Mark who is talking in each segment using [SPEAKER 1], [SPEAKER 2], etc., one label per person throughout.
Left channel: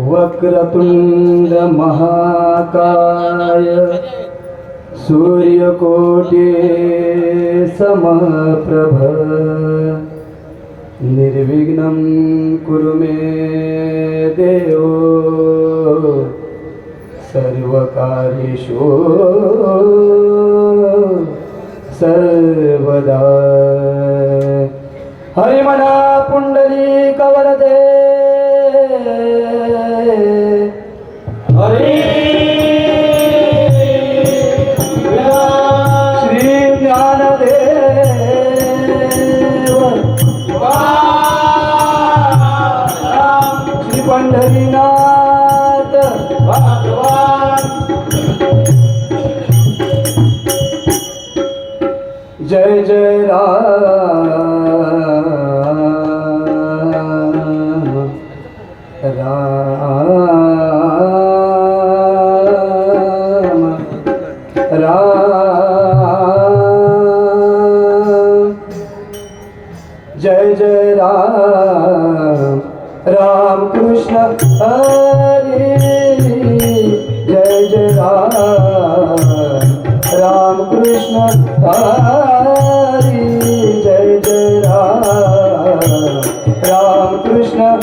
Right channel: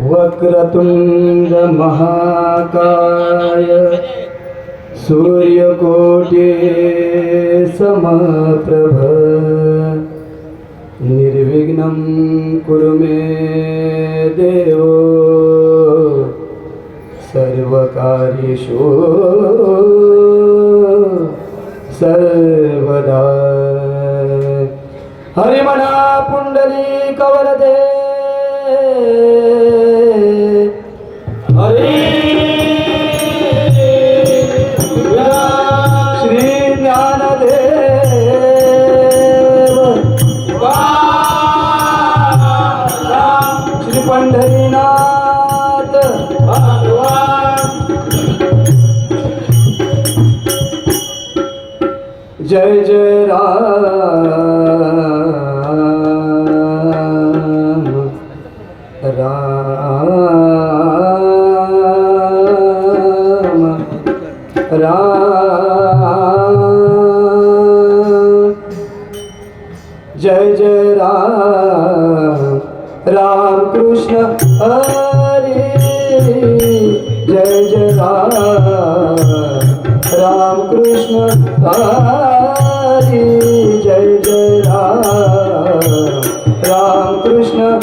[SPEAKER 1] वक्रतुण्डमहाकाय सूर्यकोटे समप्रभ। निर्विघ्नं कुरु मे देवो। सर्वकार्येषु सर्वदा। हरिमना पुण्डली कवरदे। जय जय राम राम राम जय जय राम राम कृष्ण हरे। जय जय राम राम कृष्ण हरे। रामकृष्ण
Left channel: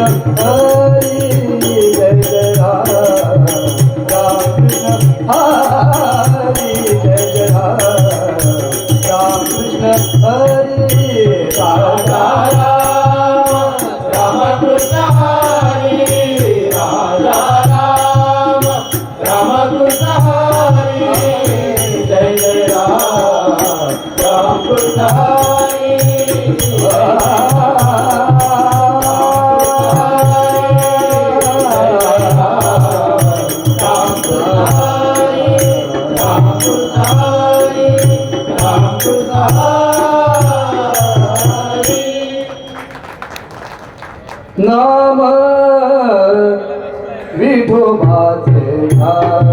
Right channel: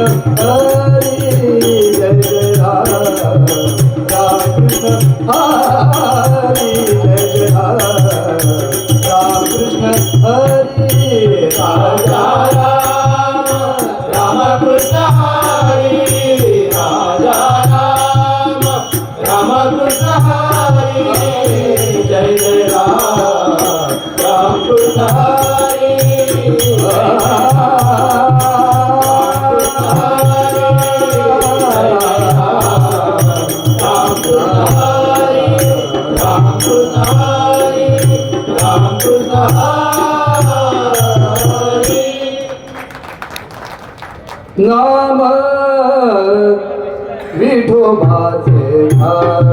[SPEAKER 1] Oh नाम विठोबाचे नाम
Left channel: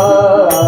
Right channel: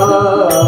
[SPEAKER 1] Oh.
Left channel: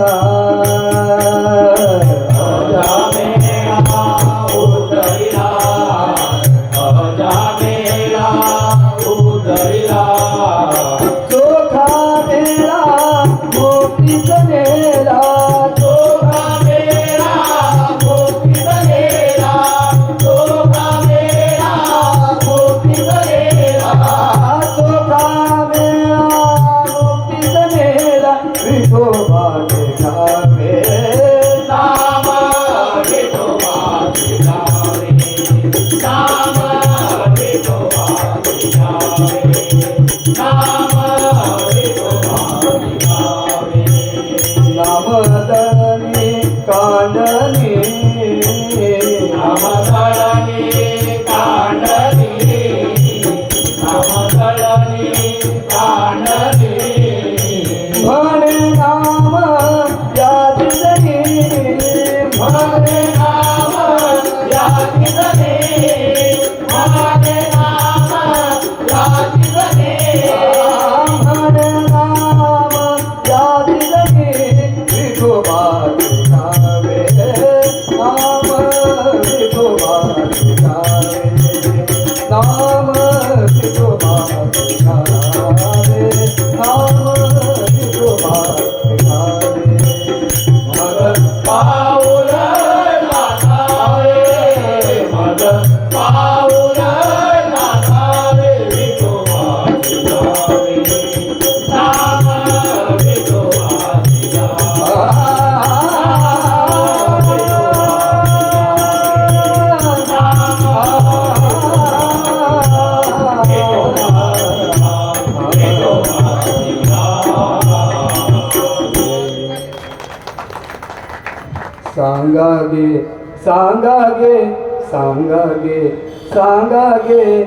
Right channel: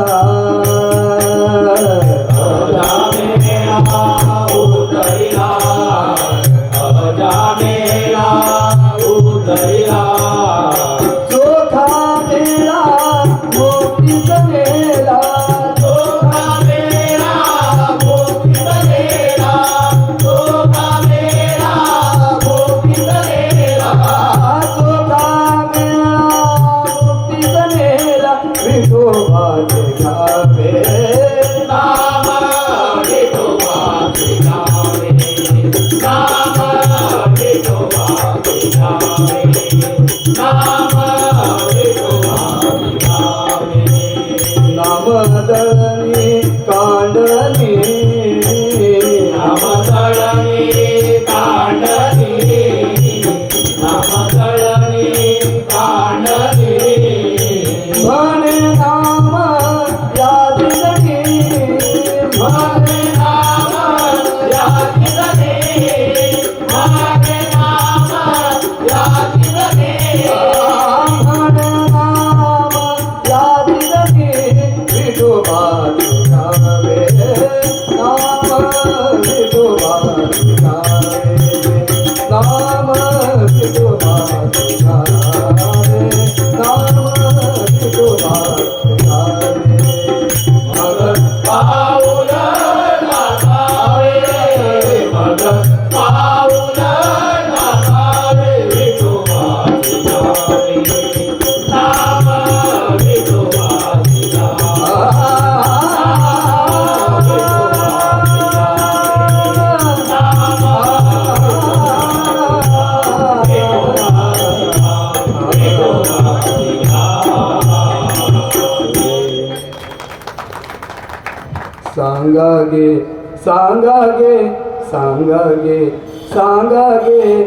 [SPEAKER 1] सांगा गे सांगा गे सांगा गे सांगा गे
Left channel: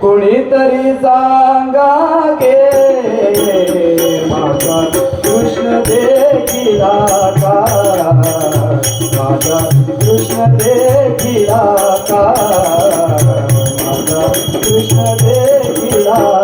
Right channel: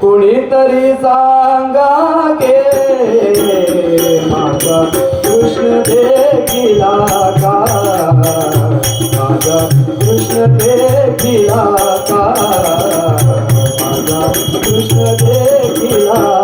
[SPEAKER 1] कुणीतरी सांगा गे माझा कृष्ण देखिला का माझा कृष्ण देखिला का माझा कृष्ण देखिला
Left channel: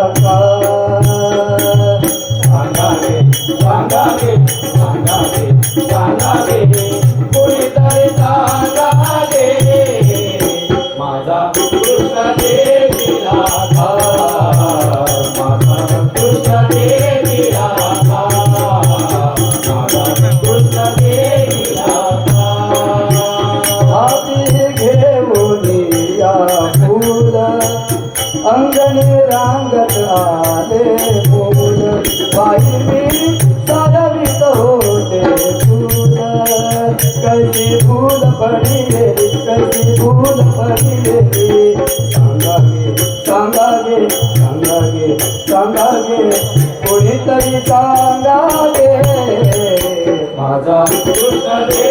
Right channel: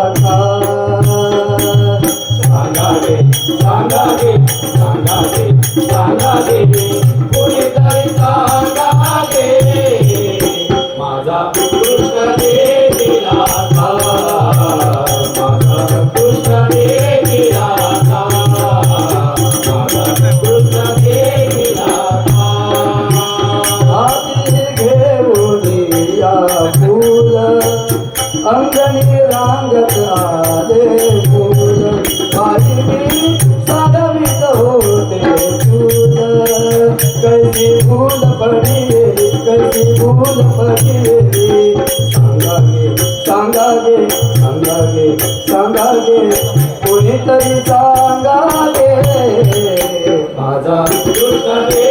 [SPEAKER 1] রাজা